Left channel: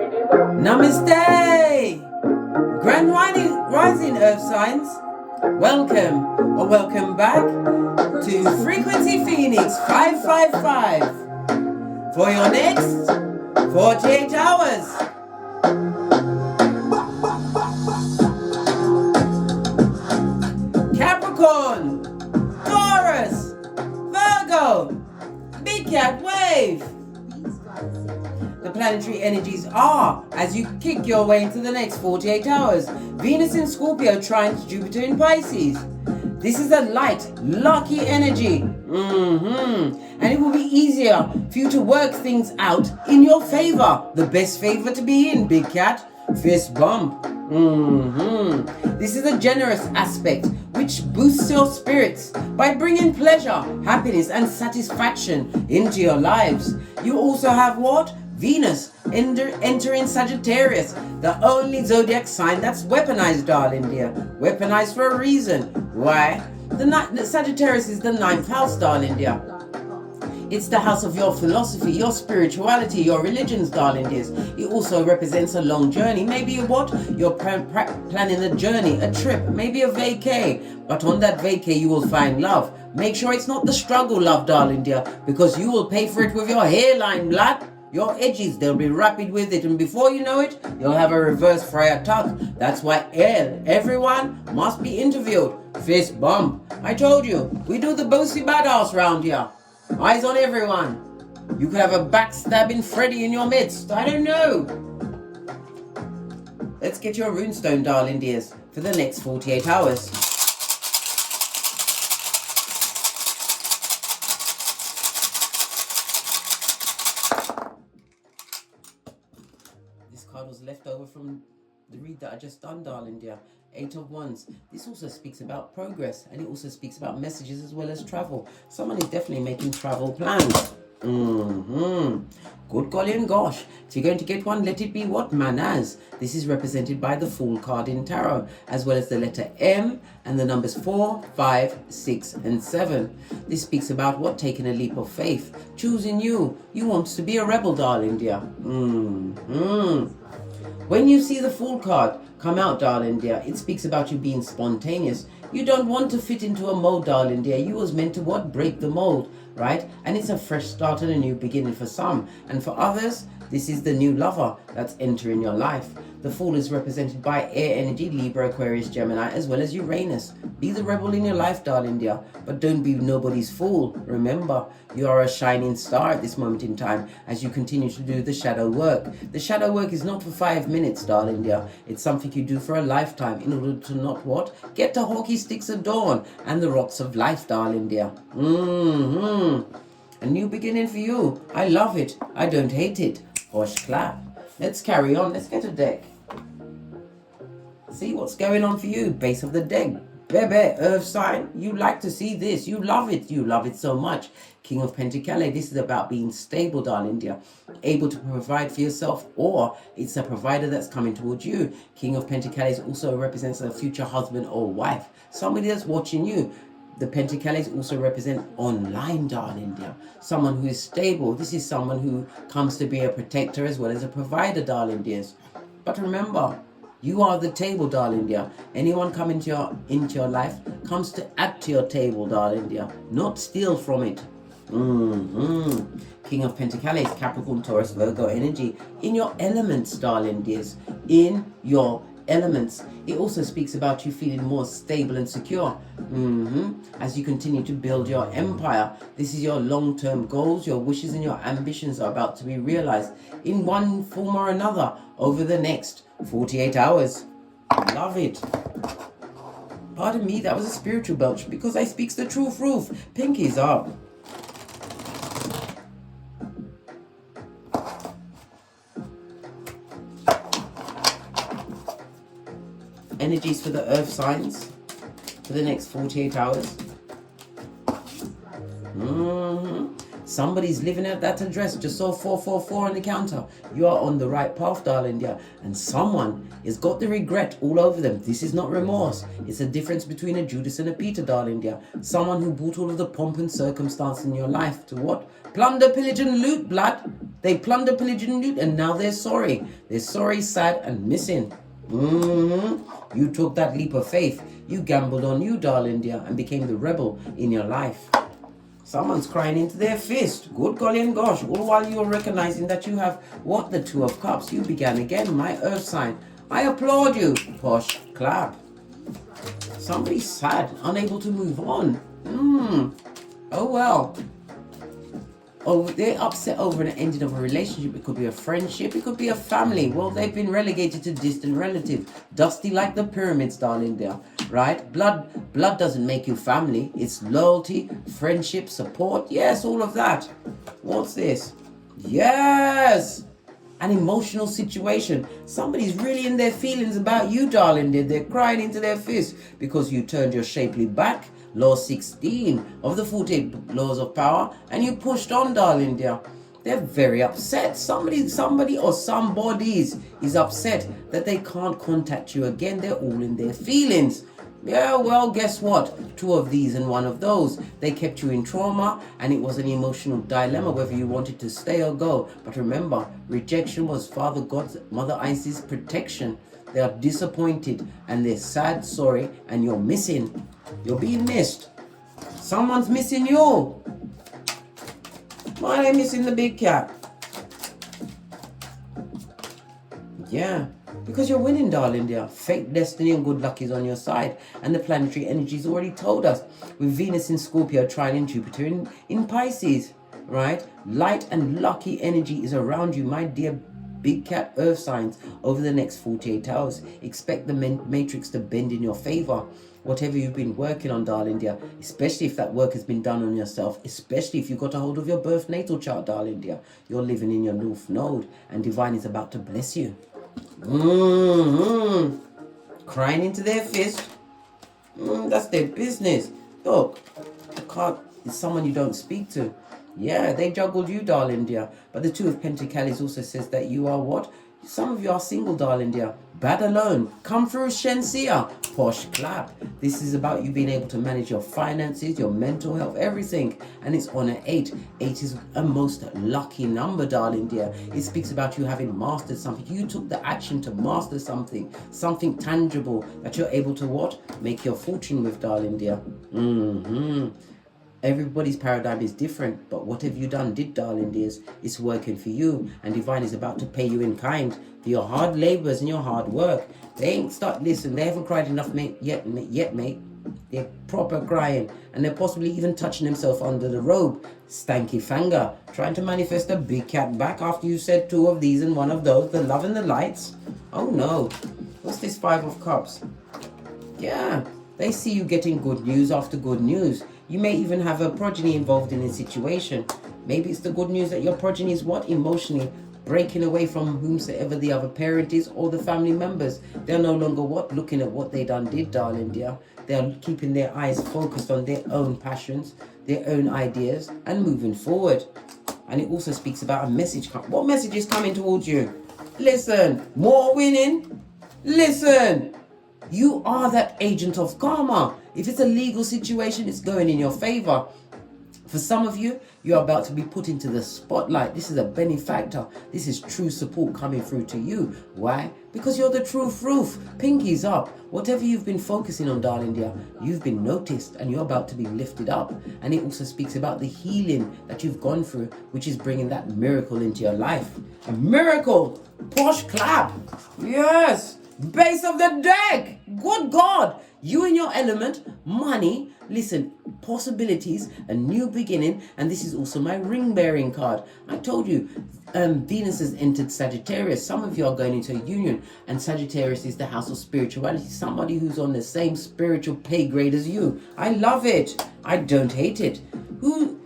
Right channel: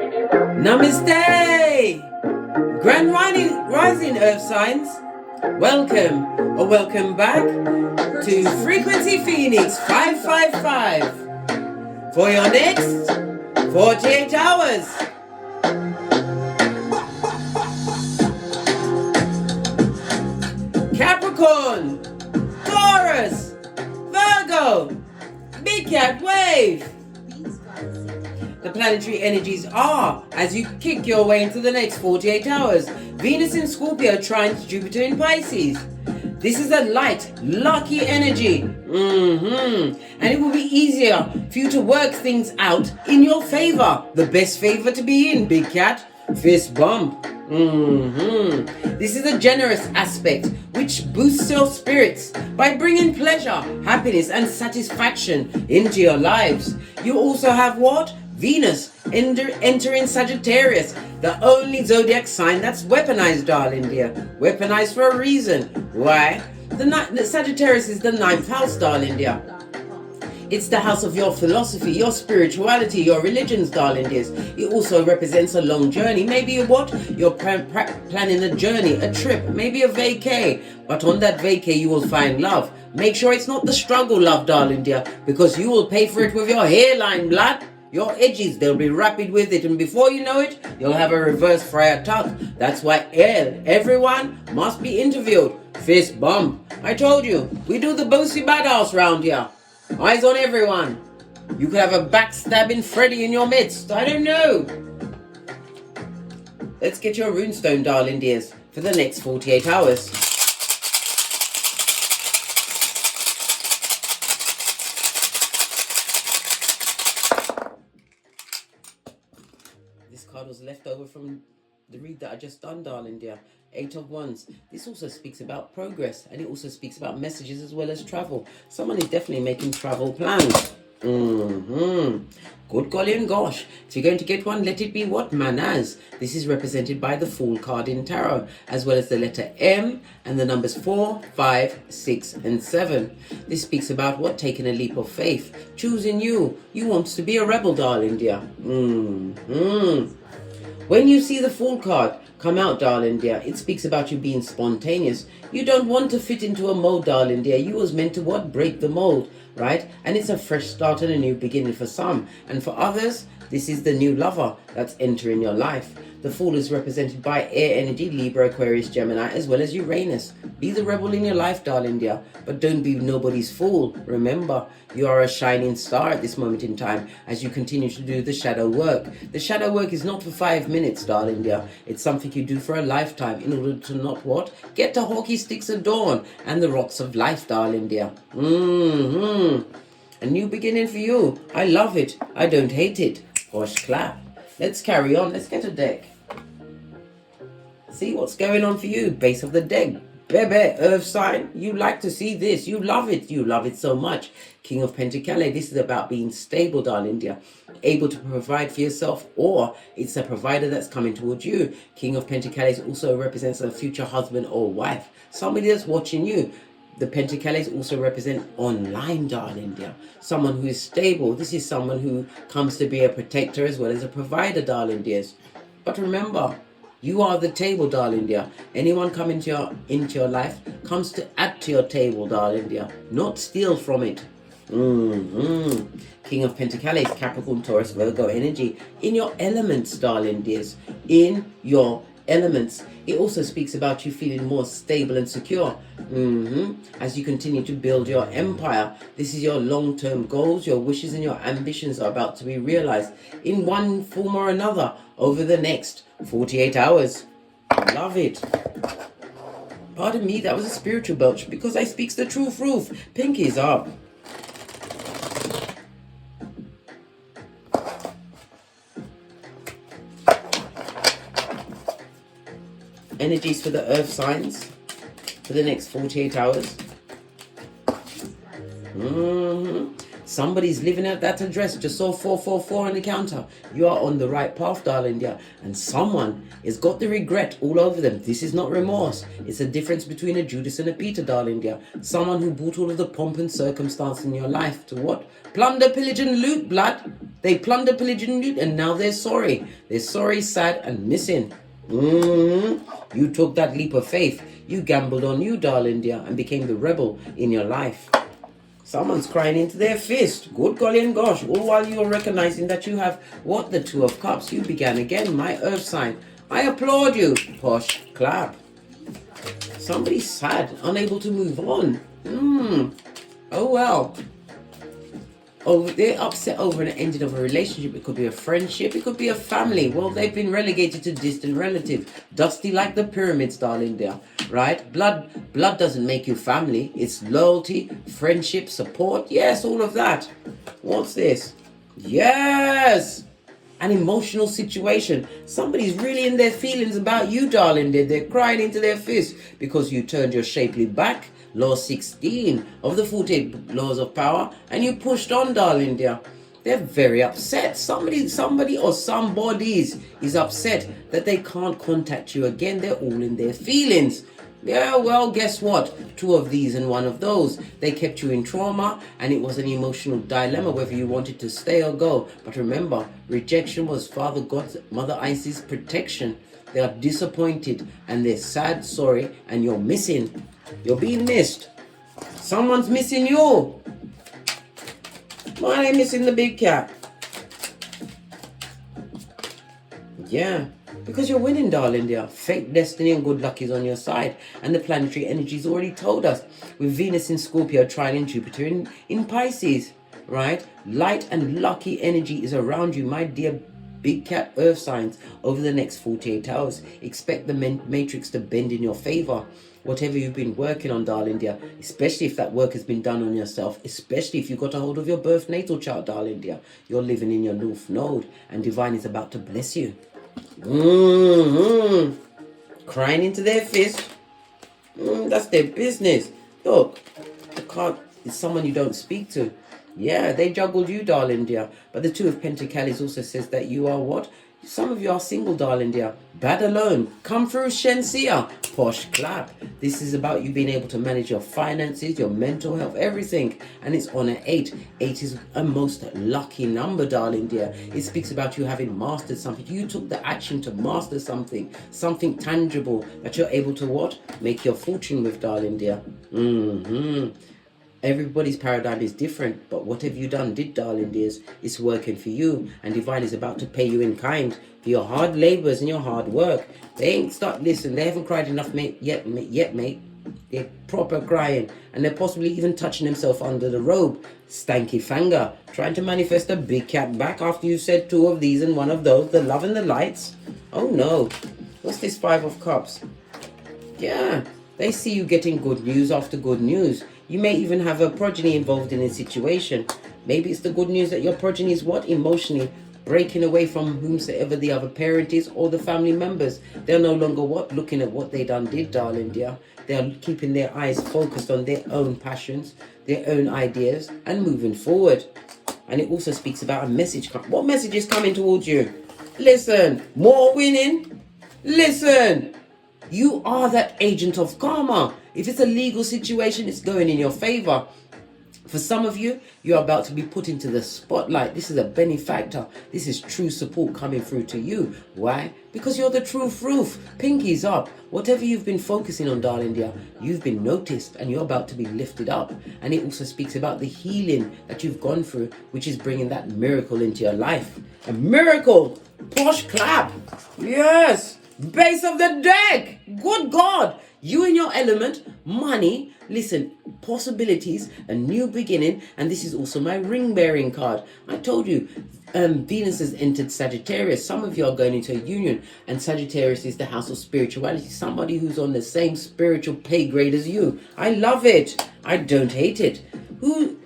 Namaste! Grand rising Earth signs. Welcome or welcome back to Frequency Phoenix 555 for your next 48 hours. Capricorn, Taurus, Virgo, Big Cat Wave. The planetary energies are as you kick your way into the next 48 hours. Venus in Scorpio trine to Jupiter in Pisces. This is a light, lucky energy. And it will be easier for you to work things out in your favor. The best favor to be in, Big Cat. Fist bump. This is a generous aspect which boosts your spirits by bringing pleasure, happiness and satisfaction into your lives. You also have what? Venus entering Sagittarius, the only zodiac sign that's weaponized, darling dear. Weaponized for a reason. Why? The Sagittarius is the 9th house, darling dear. It's the house of your philosophy, your spirituality, your religions, darling dears. It also represents a long journey. Maybe what? You're planning a journey, a trip, maybe a vacay. But on that vacay, you will find love. Make sure it's not the struggle love, darling dear, because you will pay for it with your hairline, blood. Your edges, they'll be rapid with it, and before you know it, you'll have a reverse friar tuck. That's why everyone must be interviewed. Fist bump. I told you, we do the bossy badass round here. Eyes on everyone. You could have a backstabbing Freddy in your midst. I don't know. Let's get your runestone, darling dears, for the next 48 hours. Was left over from the read that I just done, darling dear. 8 of Wands. This also speaks about progress, and it also speaks about messages as well as travel. Someone is definitely making travel plans. Good golly and gosh. If you're going to get one, let it be what? Manners. This is represented by the Fool card in Tarot, as well as the letter M and the numbers 4, 5, 6 and 7. This speaks about what? Taking a leap of faith. Choosing you. You want to be a rebel, darling dear. When you see the Fool card come out, darling dear, it speaks about you being spontaneous. You don't want to fit into a mold, darling dear. You was meant to what? Break the mold, right? And it's a fresh start and a new beginning for some. And for others, this is the new lover that's entering your life. The Fool is represented by air energy, Libra, Aquarius, Gemini, as well as Uranus. Be the rebel in your life, darling dear, but don't be nobody's fool. Remember, you are a shining star at this moment in time as you continue to do the shadow work. The shadow work is not for 5 minutes, darling dear. It's something you do for a lifetime in order to not what? Get the hockey sticks of dawn and the rocks of life, darling dear. A new beginning for you. I love it. I don't hate it. Posh clap. Let's carry on. Let's get a deck. See what's going on for you. Base of the deck. Bebe, Earth sign. You like to see this. You love it. You love it so much. King of Pentacles. This is about being stable, darling dear. Able to provide for yourself, or it's a provider that's coming towards you. King of Pentacles also represents a future husband or wife. Somebody that's watching you. The Pentacles also represent online, darling dear. Someone who is stable. This is someone who comes to be a protector as well as a provider, darling dears. But remember, you are the table, darling dear. Anyone coming into your life comes to add to your table, darling dear, not steal from it. King of Pentacles, Capricorn, Taurus, Virgo energy. In your elements, darling dears. In your elements. It also speaks about you feeling more stable and secure as you continue to build your empire. This is your long-term goals, your wishes and your ambitions are about to be realized in one form or another over the next 48 hours. Love it. Pardon me, that was a spiritual belch because I speaks the truth roof. Pinkies up. Energies for the earth signs for the next 48 hours. Somebody's living out that address. Just saw 444 on the counter. You are on the right path, darling dear. And someone has got the regret all over them. This is not remorse. It's a difference between a Judas and a Peter, darling dear. Someone who brought all of the pomp and circumstance in your life to what? Plunder, pillage and loot, blood. They plunder, pillage, and loot, and now they're sorry. They're sorry, sad, and missing. You took that leap of faith. You gambled on you, darling dear, and became the rebel in your life. Someone's crying into their fist. Good golly and gosh. All while you're recognizing that you have what? The Two of Cups. You began again, my earth sign. I applaud you. Posh clap. Somebody's sad, unable to move on. Oh well. Oh, they're upset over an ending of a relationship. It could be a friendship. It could be a family. Well, they've been relegated to distant relative. Dusty like the pyramids, darling there. Right? Blood doesn't make you family. It's loyalty, friendship, support. Yes, all of that. What's this? Yes! An emotional situation. Somebody's really in their feelings about you, darling. They're crying into their fist because you turned your shapely back. Law 16 of the 48 laws of power, and you pushed on, darling dear. They're very upset. Somebody or somebody's is upset that they can't contact you again. They're all in their feelings. Yeah, well, guess what? Two of these and one of those. They kept you in trauma, and it was an emotional dilemma whether you wanted to stay or go. But remember, rejection was Father God's, Mother Isis' protection. They are disappointed, and they're sad, sorry, and you're missing. You're being missed. Someone's missing you. Why are they missing the big cat? Yeah, because you're winning, darling dear. Fate, destiny, and good luck is on your side. And the planetary energies already told us. With Venus in Scorpio, trining Jupiter in Pisces. Right? Light and lucky energy is around you, my dear big cat earth signs, over the next 48 hours. Expect the matrix to bend in your favor. Whatever you've been working on, darling dear, especially if that work has been done on yourself, especially if you got a hold of your birth natal chart, darling dear, you're living in your North Node, and divine is about to bless you. Crying into their fist. That's their business. Look, the card is someone you don't speak to. Yeah, they juggled you, darling dear. But the Two of Pentacles also says that you are what? Some of you are single, darling dear. Bad alone. Come through, Shensia. Posh clap. This is about you being able to manage your finances, your mental health, everything. And it's on an 8. 8 is a most lucky number, darling dear. It speaks about you having mastered something. You took the action to master something. Something tangible that you're able to what? Make your fortune with, darling dear. Everybody's paradigm is different, but whatever you did, darling dears, it's working for you, and divine is about to pay you in kind for your hard labors and your hard work. They ain't listen, they haven't cried enough yet, mate. They're proper crying, and they're possibly even touching themselves under the robe. Stanky finger, trying to manifest a big cat back after you said two of these and one of those, the love and the lights. Oh no, what's this 5 of Cups? Yeah, they see you getting good news after good news. You may even have a progeny involved in a situation. Maybe it's the good news that your progeny is what? Emotionally breaking away from whomsoever the other parent is or the family members. They're no longer what? Looking at what they did, darling dear. They're keeping their eyes focused on their own passions, their own ideas, and moving forward. And it also speaks about a message. What message is coming towards you? Listen, more winning. Listen, you are that agent of karma. If it's a legal situation, it's going in your favor. For some of you, you're about to be put into the spotlight. This is a benefactor. This is true support coming through to you. Why? Because you're the true proof. Pinkies up. Whatever you've been focusing on, darling dear, you've been noticed and you're about to be lifted up. And it also speaks about the healing that you've gone through, which is bringing that miracle into your life. A miracle. Posh clap. Yes. Base of the deck. Good God. You in your element, money, listen, possibilities, a new beginning, and this is also my ring-bearing card. I told you, Venus has entered Sagittarius. Some of you are going into a union, and Sagittarius is the house of spirituality, somebody who's on the same spiritual pay grade as you. I love it. I don't hate it. Who's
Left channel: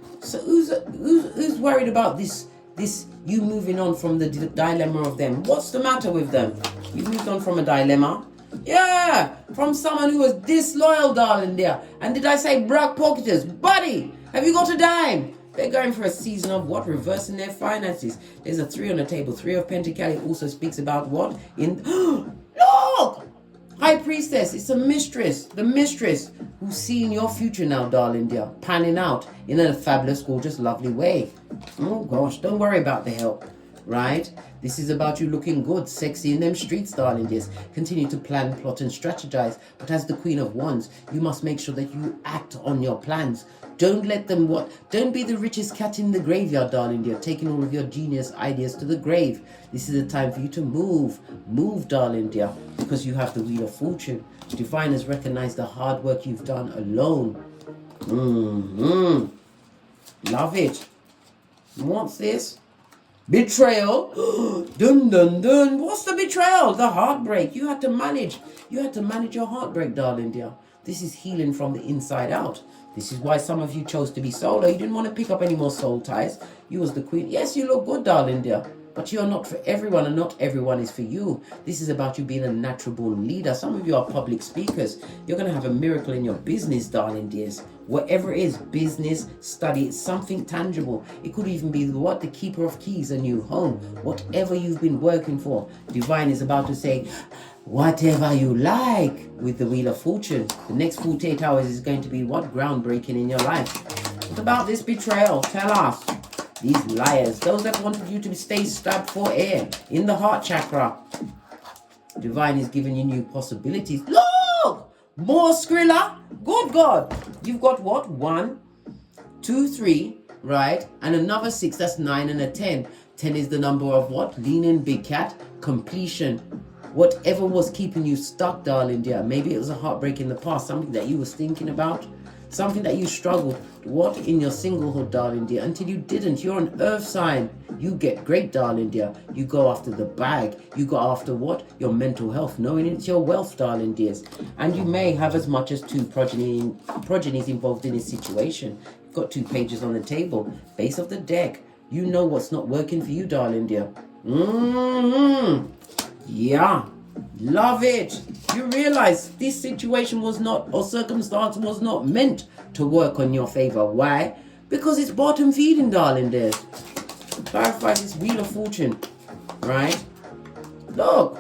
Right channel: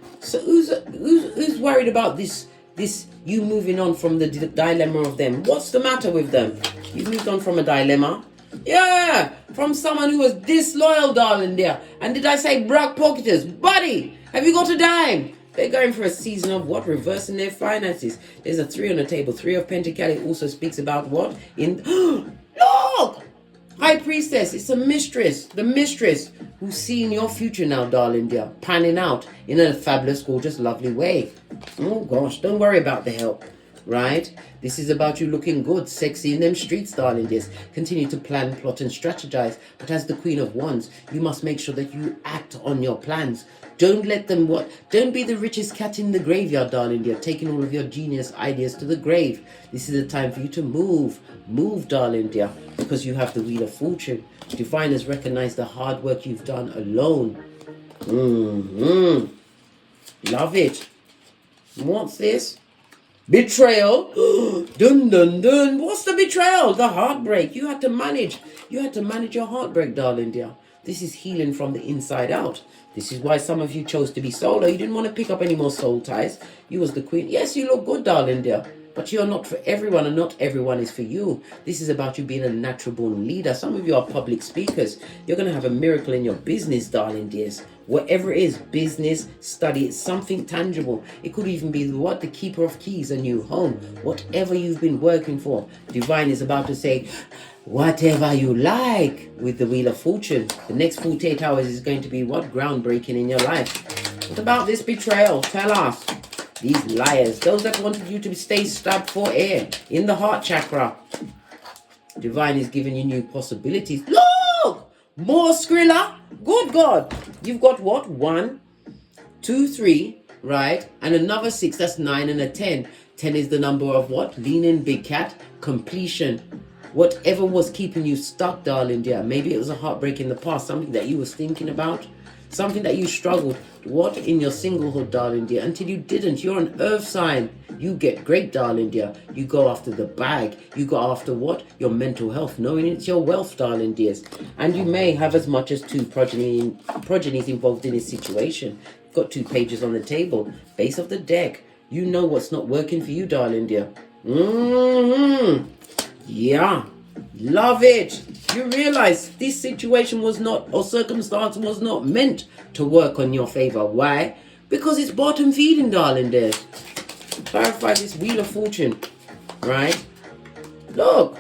worried about this you moving on from the dilemma of them? What's the matter with them? You moved on from a dilemma. Yeah, from someone who was disloyal, darling dear. And did I say broke pocketers? Buddy, have you got a dime? They're going for a season of what? Reversing their finances. There's a 3 on the table. 3 of Pentacles also speaks about what? Look! High Priestess, it's a mistress, the mistress who's seeing your future now, darling dear, panning out in a fabulous, gorgeous, lovely way. Oh gosh, don't worry about the help, right? This is about you looking good, sexy in them streets, darling dears. Continue to plan, plot and strategize, but as the Queen of Wands, you must make sure that you act on your plans. Don't let them don't be the richest cat in the graveyard, darling dear, taking all of your genius ideas to the grave. This is a time for you to move, darling dear, because you have the Wheel of Fortune. Divine has recognized the hard work you've done alone. Love it. What's this? Betrayal. Dun dun dun. What's the betrayal? The heartbreak. You had to manage your heartbreak, darling dear. This is healing from the inside out. This is why some of you chose to be solo. You didn't want to pick up any more soul ties. You was the queen. Yes, you look good, darling dear, but you're not for everyone, and not everyone is for you. This is about you being a natural born leader. Some of you are public speakers. You're going to have a miracle in your business, darling dears. Whatever it is, business, study, it's something tangible. It could even be the keeper of keys, a new home. Whatever you've been working for, Divine is about to say, whatever you like with the Wheel of Fortune. The next 48 hours is going to be groundbreaking in your life. What about this betrayal? Tell us. These liars, those that wanted you to stay stabbed for air in the heart chakra. Divine is giving you new possibilities. Look! More Skrilla. Good God. You've got what? 1, 2, 3, right? And another 6. That's 9 and a 10. 10 is the number of what? Leaning big cat. Completion. Whatever was keeping you stuck, darling dear. Maybe it was a heartbreak in the past. Something that you was thinking about. Something that you struggled. What in your singlehood, darling dear? Until you didn't. You're an earth sign. You get great, darling dear. You go after the bag. You go after what? Your mental health. Knowing it's your wealth, darling dears. And you may have as much as 2 progenies involved in this situation. You've got 2 pages on the table. Base of the deck. You know what's not working for you, darling dear. Yeah. Love it. You realize this situation was not, or circumstance was not meant to work on your favor. Why? Because it's bottom feeding, darling dears. Clarify this Wheel of Fortune, right? Look,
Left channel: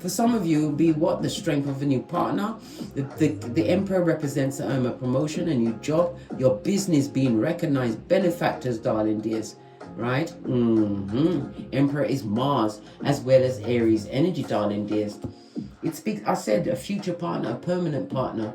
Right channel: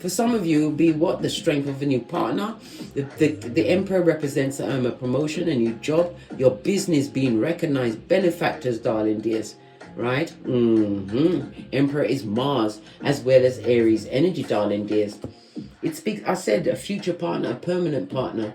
for some of you, it will be what? The strength of a new partner. The Emperor represents a promotion, a new job, your business being recognized, benefactors, darling dears. Right? Emperor is Mars as well as Aries energy, darling dears. It speaks, I said, a future partner, a permanent partner.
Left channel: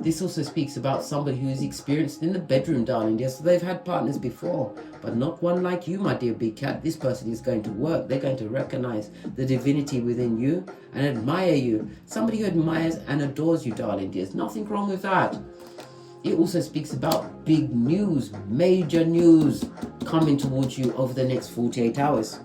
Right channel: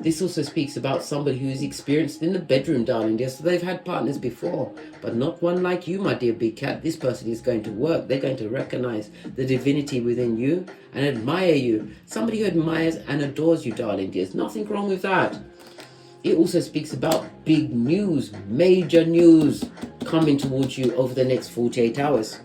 This also speaks about somebody who is experienced in the bedroom, darling dear. So they've had partners before, but not one like you, my dear big cat. This person is going to work. They're going to recognize the divinity within you and admire you. Somebody who admires and adores you, darling dears. Nothing wrong with that. It also speaks about big news, major news coming towards you over the next 48 hours.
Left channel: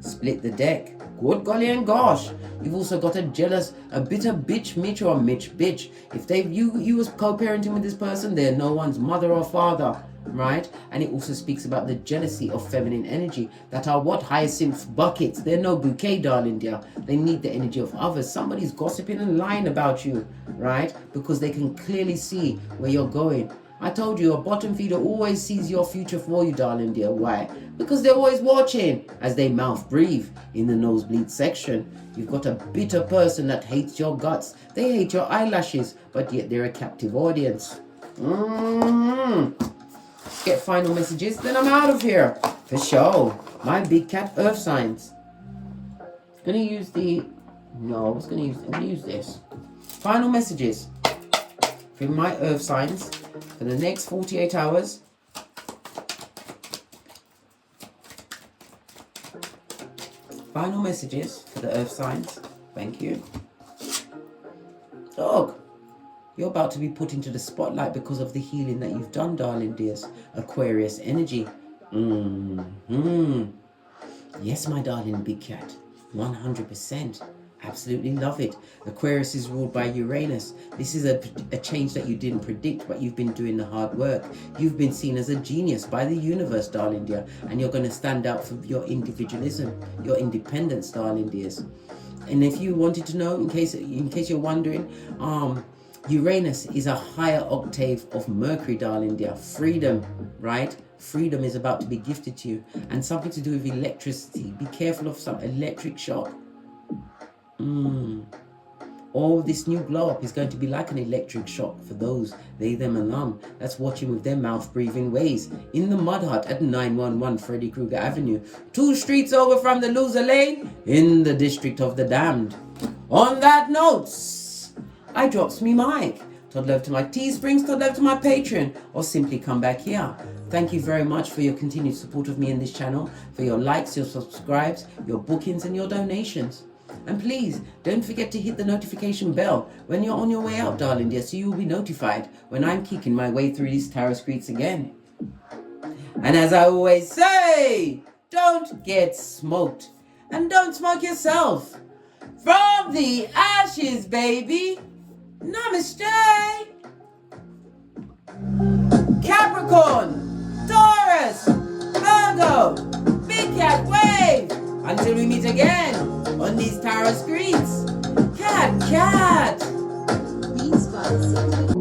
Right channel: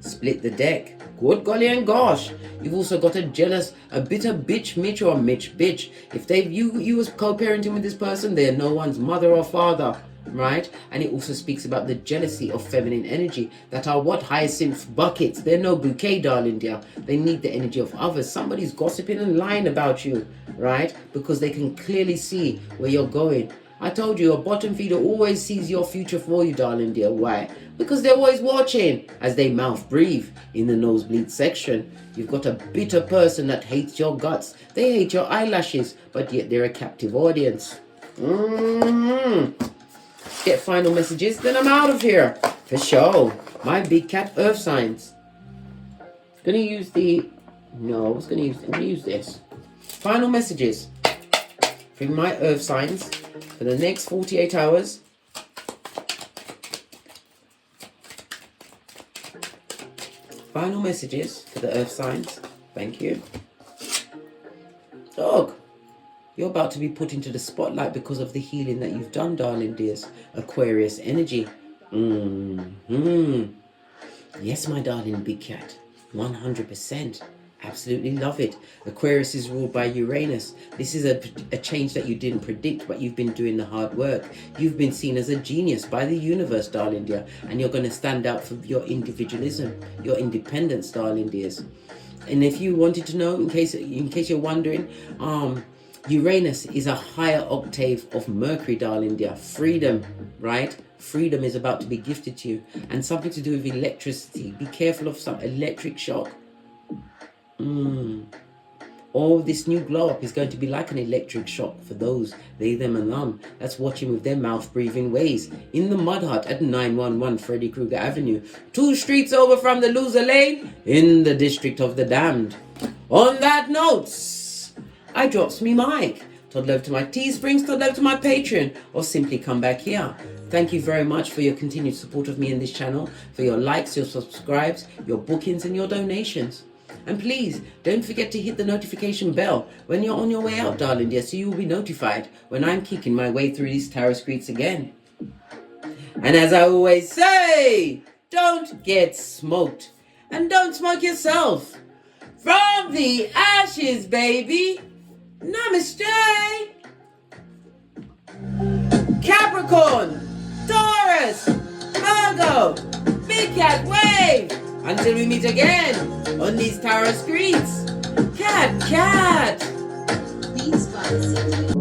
Split the deck. Good golly and gosh. You've also got a jealous, a bitter bitch Mitch or Mitch bitch. If you was co-parenting with this person, they're no one's mother or father, right? And it also speaks about the jealousy of feminine energy that are what? Hyacinth buckets. They're no bouquet, darling dear. They need the energy of others. Somebody's gossiping and lying about you, right? Because they can clearly see where you're going. I told you, a bottom feeder always sees your future for you, darling dear. Why? Because they're always watching as they mouth breathe in the nosebleed section. You've got a bitter person that hates your guts. They hate your eyelashes, but yet they're a captive audience. Get final messages, then I'm out of here. For sure. My big cat earth signs. Gonna use I'm gonna use this. Final messages for my earth signs for the next 48 hours. Final messages for the earth signs. Thank you. Dog, you're about to be put into the spotlight because of the healing that you've done, darling dears. Aquarius energy. Yes, my darling big cat. 100%. Absolutely love it. Aquarius is ruled by Uranus. This is a change that you didn't predict, but you've been doing the hard work. You've been seen as a genius by the universe, darling dear, and you're going to stand out for your individualism, your independence, darling dears. And if you wanted to know, in case you're wondering, Uranus is a higher octave of Mercury, darling dear. Freedom, right? Freedom is about to be gifted to you, and something to do with electricity. Be careful of some electric shock. Or this new glow up is going to be like an electric shock for those, they, them and them, that's watching with their mouth breathing ways. In the Mud Hut at 911 Freddy Krueger Avenue, 2 streets over from the Loser Lane, in the District of the Damned. On that note, I drops me mic. Toddle over to my Teesprings, toddle over to my Patreon, or simply come back here. Thank you very much for your continued support of me in this channel, for your likes, your subscribes, your bookings and your donations. And please, don't forget to hit the notification bell when you're on your way out, darling dear, so you will be notified when I'm kicking my way through these tarot streets again. And as I always say, don't get smoked. And don't smoke yourself. From the ashes, baby. Namaste. Capricorn, Taurus, Virgo, Big Cat Wave. Until we meet again on these tarot streets. Cat. Please